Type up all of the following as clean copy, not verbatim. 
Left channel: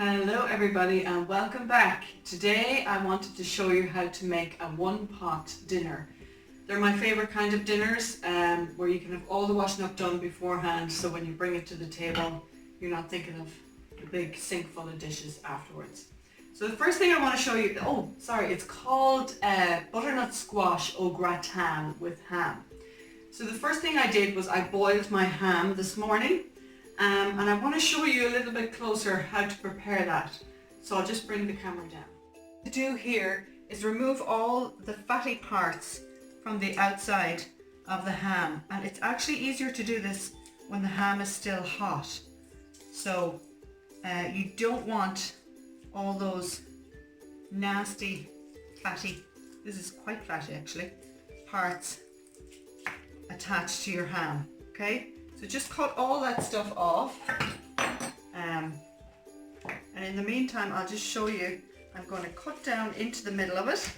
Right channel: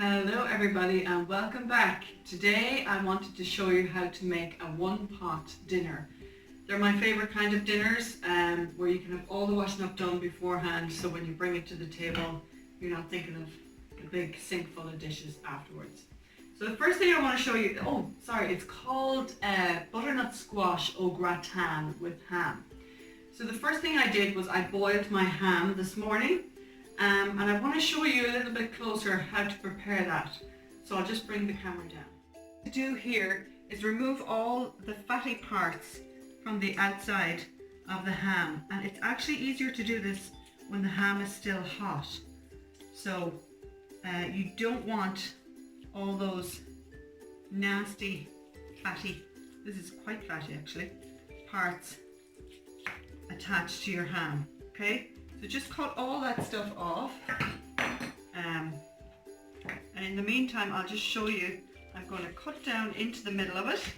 Hello everybody and welcome back. Today I wanted to show you how to make a one-pot dinner. They're my favorite kind of dinners where you can have all the washing up done beforehand, so when you bring it to the table you're not thinking of a big sink full of dishes afterwards. So the first thing I want to show you, it's called butternut squash au gratin with ham. So the first thing I did was I boiled my ham this morning. And I want to show you a little bit closer how to prepare that. So I'll just bring the camera down. What to do here is remove all the fatty parts from the outside of the ham. And it's actually easier to do this when the ham is still hot. So you don't want all those nasty fatty, this is quite fatty actually, parts attached to your ham, okay? So just cut all that stuff off, and in the meantime I'll just show you, I'm going to cut down into the middle of it,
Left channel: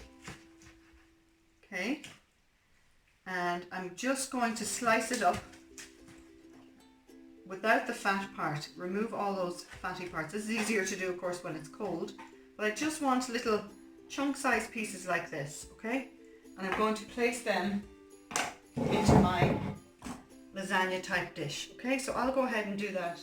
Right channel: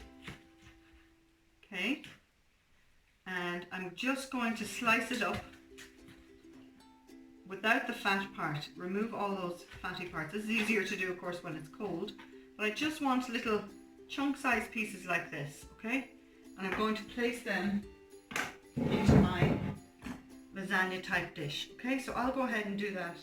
okay, and I'm just going to slice it up without the fat part. Remove all those fatty parts. This is easier to do of course when it's cold, but I just want little chunk sized pieces like this, okay, and I'm going to place them into my lasagna type dish. Okay, so I'll go ahead and do that.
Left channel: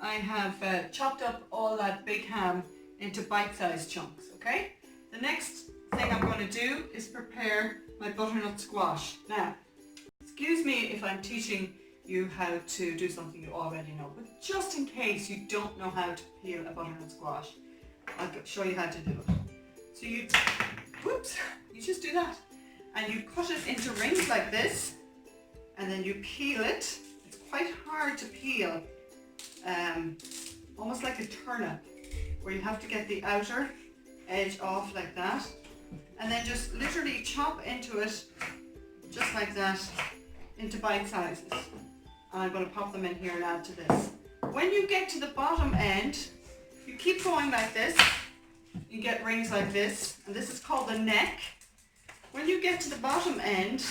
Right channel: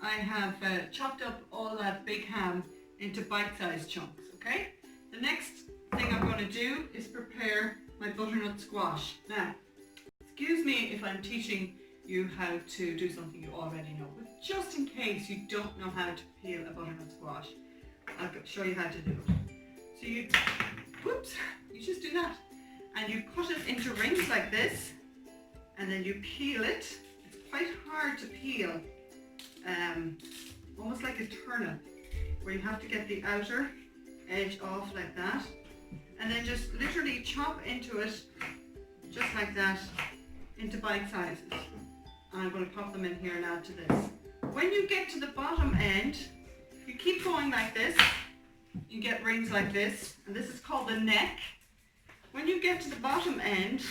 I have chopped up all that big ham into bite-sized chunks. Okay, the next thing I'm going to do is prepare my butternut squash. Now, excuse me if I'm teaching you how to do something you already know, but just in case you don't know how to peel a butternut squash, I'll show you how to do it. So you just do that, and you cut it into rings like this. And then you peel it. It's quite hard to peel, almost like a turnip, where you have to get the outer edge off like that, and then just literally chop into it, just like that, into bite sizes. And I'm going to pop them in here and add to this. When you get to the bottom end, you keep going like this, you get rings like this, and this is called the neck. When you get to the bottom end,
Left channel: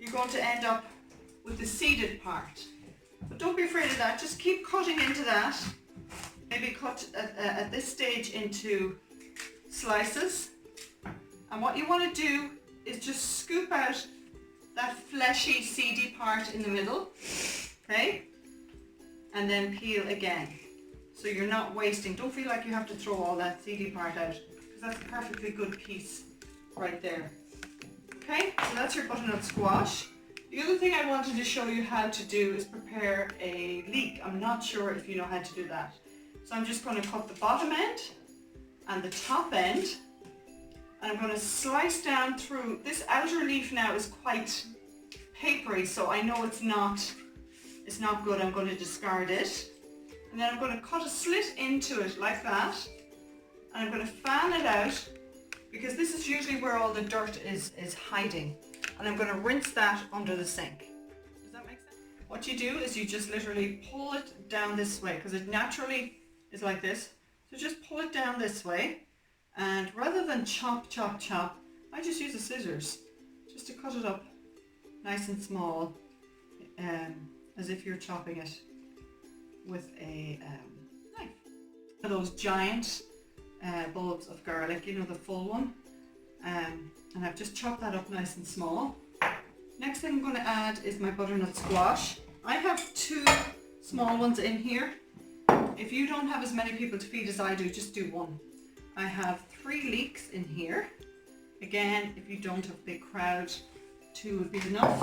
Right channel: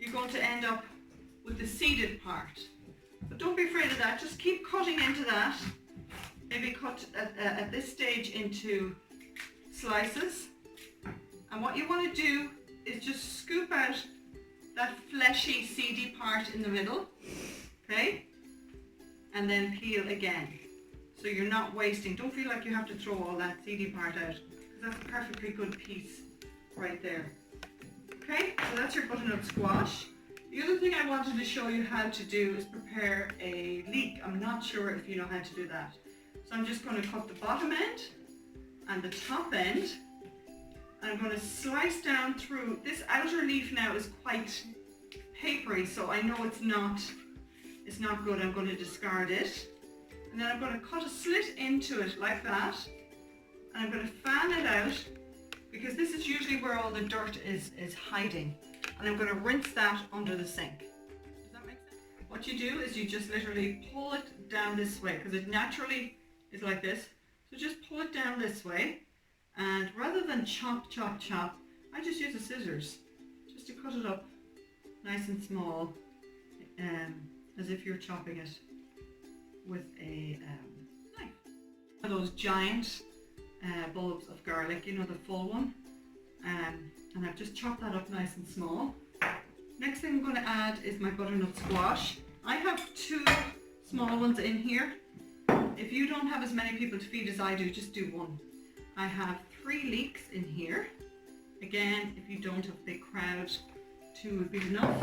you're going to end up with the seeded part. But don't be afraid of that, just keep cutting into that. Maybe cut at this stage into slices. And what you want to do is just scoop out that fleshy, seedy part in the middle, okay? And then peel again. So you're not wasting, don't feel like you have to throw all that seedy part out, because that's a perfectly good piece right there. Okay, so that's your butternut squash. The other thing I wanted to show you how to do is prepare a leek. I'm not sure if you know how to do that. So I'm just going to cut the bottom end and the top end, and I'm going to slice down through. This outer leaf now is quite papery, so I know it's not good. I'm going to discard it. And then I'm going to cut a slit into it like that, and I'm going to fan it out, because this is usually where all the dirt is hiding. And I'm going to rinse that under the sink. Does that make sense? What you do is you just literally pull it down this way, because it naturally is like this. So just pull it down this way, and rather than chop, chop, chop, I just use the scissors just to cut it up nice and small, as if you're chopping it with a knife. Those giant bulbs of garlic, you know, the full one, and I've just chopped that up nice and small. Next thing I'm going to add is my butternut squash. I have 2 small ones in here. If you don't have as many people to feed as I do, just do 1. I have 3 leeks in here. Again, if you don't have a big crowd, 2 would be enough.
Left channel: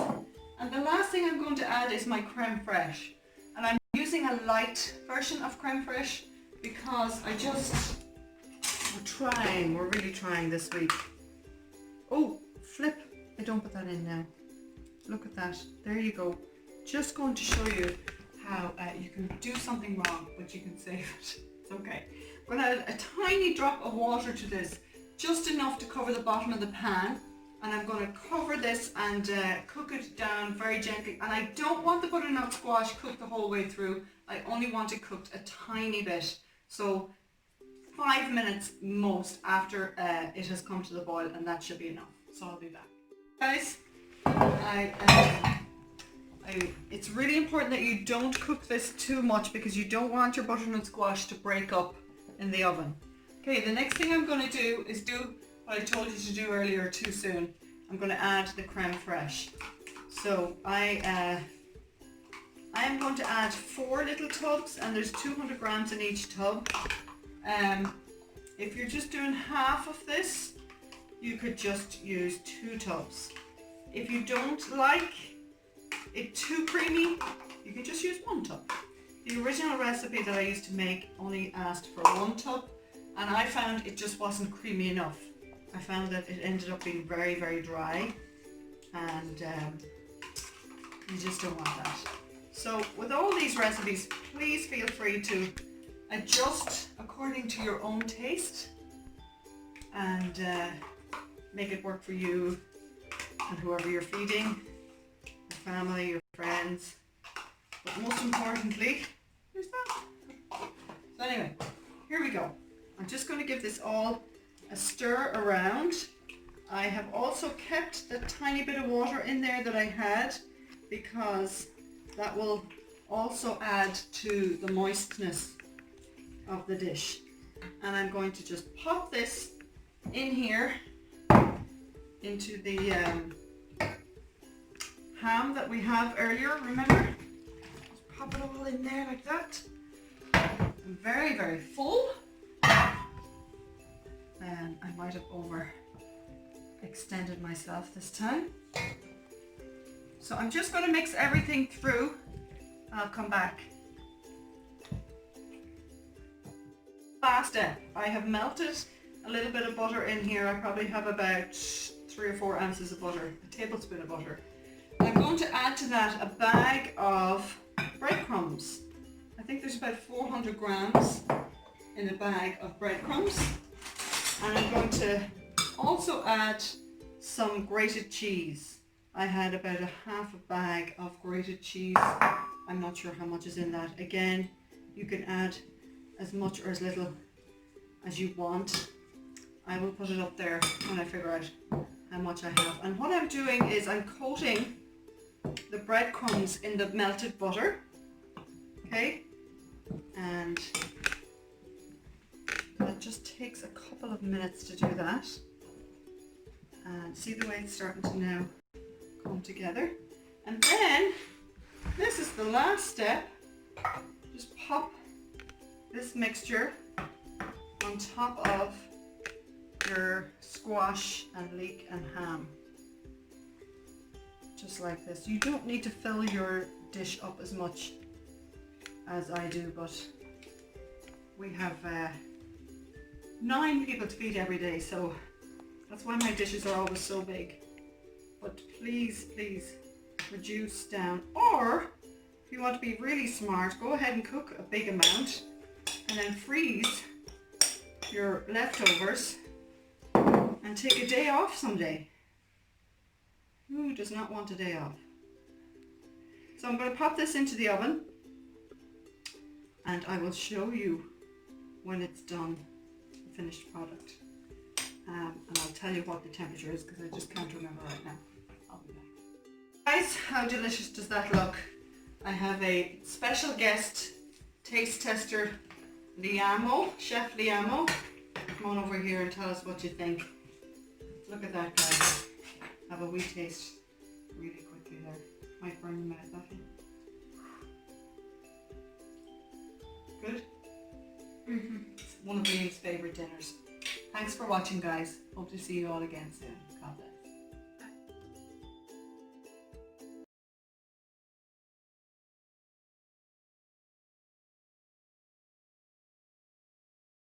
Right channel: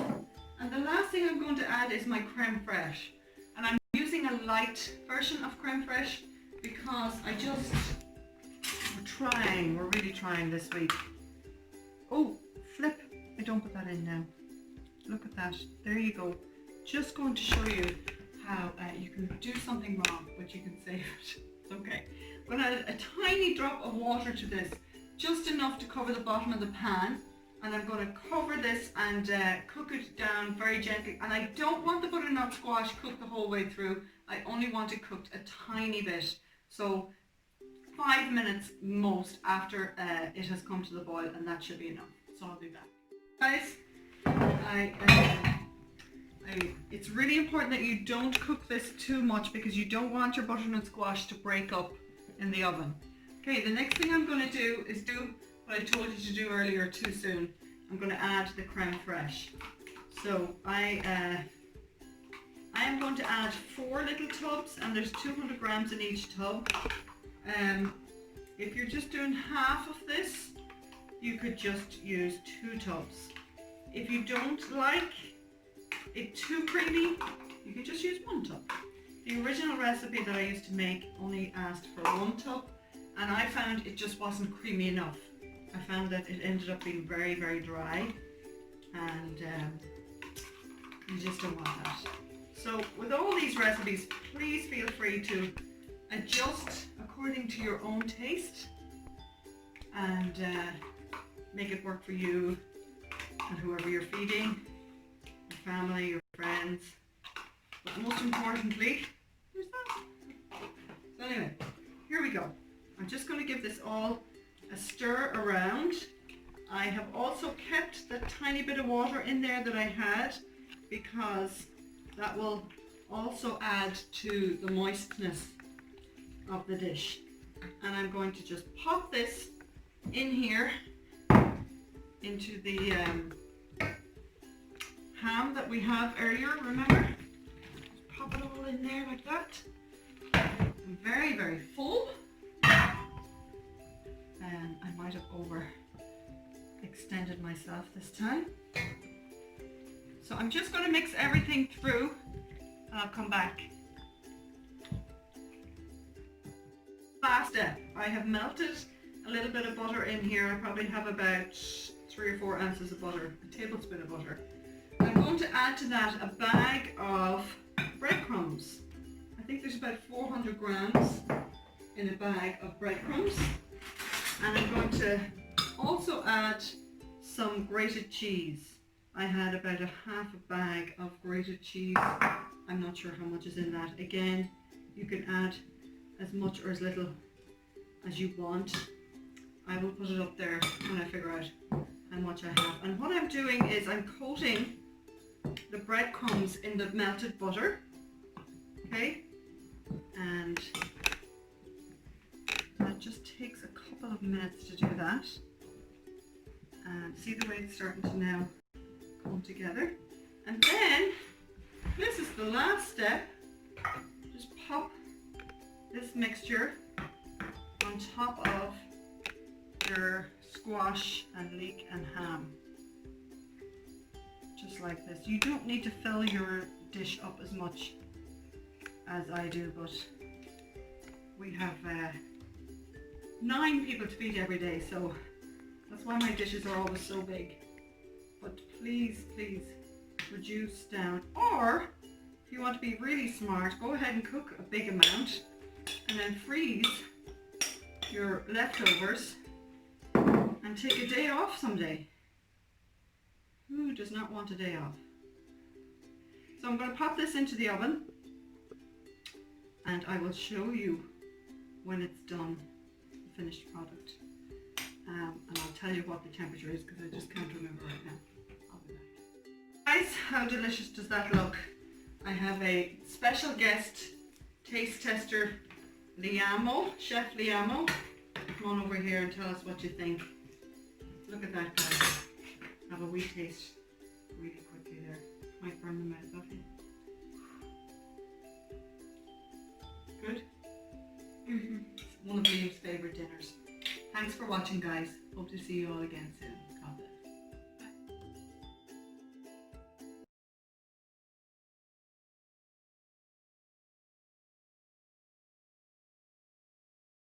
And the last thing I'm going to add is my creme fraiche, and I'm using a light version of creme fraiche because we're really trying this week. Oh, flip, I don't put that in now. Look at that, there you go. Just going to show you how you can do something wrong, but you can save it. It's okay. I'm going to add a tiny drop of water to this, just enough to cover the bottom of the pan. And I'm going to cover this and cook it down very gently. And I don't want the butternut squash cooked the whole way through. I only want it cooked a tiny bit. So 5 minutes most after it has come to the boil, and that should be enough. So I'll be back. Guys, It's really important that you don't cook this too much because you don't want your butternut squash to break up in the oven. Okay, the next thing I'm going to do is do what I told you to do earlier too soon. I'm going to add the creme fraiche. So I am going to add 4 little tubs, and there's 200 grams in each tub. If you're just doing half of this, you could just use 2 tubs. If you don't like it too creamy, you can just use 1 tub. The original recipe that I used to make only asked for 1 tub, and I found it just wasn't creamy enough. I found that it ended up being very, very dry, and you just don't want that. So with all these recipes, please feel free to adjust according to your own taste and make it work for you and whoever you're feeding, your family, your friends. But most importantly, here's that. So anyway, here we go. I'm just going to give this all a stir around. I have also kept the tiny bit of water in there that I had because that will also add to the moistness of the dish. And I'm going to just pop this in here into the ham that we have earlier, remember? Just pop it all in there like that. I'm very, very full. And I might have overextended myself this time. So I'm just going to mix everything through and I'll come back. Last step, I have melted a little bit of butter in here. I probably have about 3 or 4 ounces of butter, a tablespoon of butter. I'm going to add to that a bag of breadcrumbs. I think there's about 400 grams in a bag of breadcrumbs. And I'm going to also add some grated cheese. I had about a half a bag of grated cheese. I'm not sure how much is in that. Again, you can add as much or as little as you want. I will put it up there when I figure out how much I have. And what I'm doing is I'm coating the breadcrumbs in the melted butter. Okay? And it just takes a couple of minutes to do that. And see the way it's starting to now come together. And then, this is the last step. Just pop this mixture on top of your squash and leek and ham. Just like this. You don't need to fill your dish up as much as I do, but we have 9 people to feed every day, so that's why my dishes are always so big. But please, please reduce down. Or if you want to be really smart, go ahead and cook a big amount and then freeze your leftovers and take a day off someday. Who does not want a day off? So I'm going to pop this into the oven and I will show you when it's done, the finished product. And I'll tell you what the temperature is because I just can't remember right now. I'll be back. Guys, how delicious does that look? I have a special guest taste tester, Liamo, Chef Liamo. Come on over here and tell us what you think. Look at that, guys. Have a wee taste really quickly there. Might burn the mouth off you. Good? It's one of Liam's favourite dinners. Thanks for watching, guys. Hope to see you all again soon. God bless.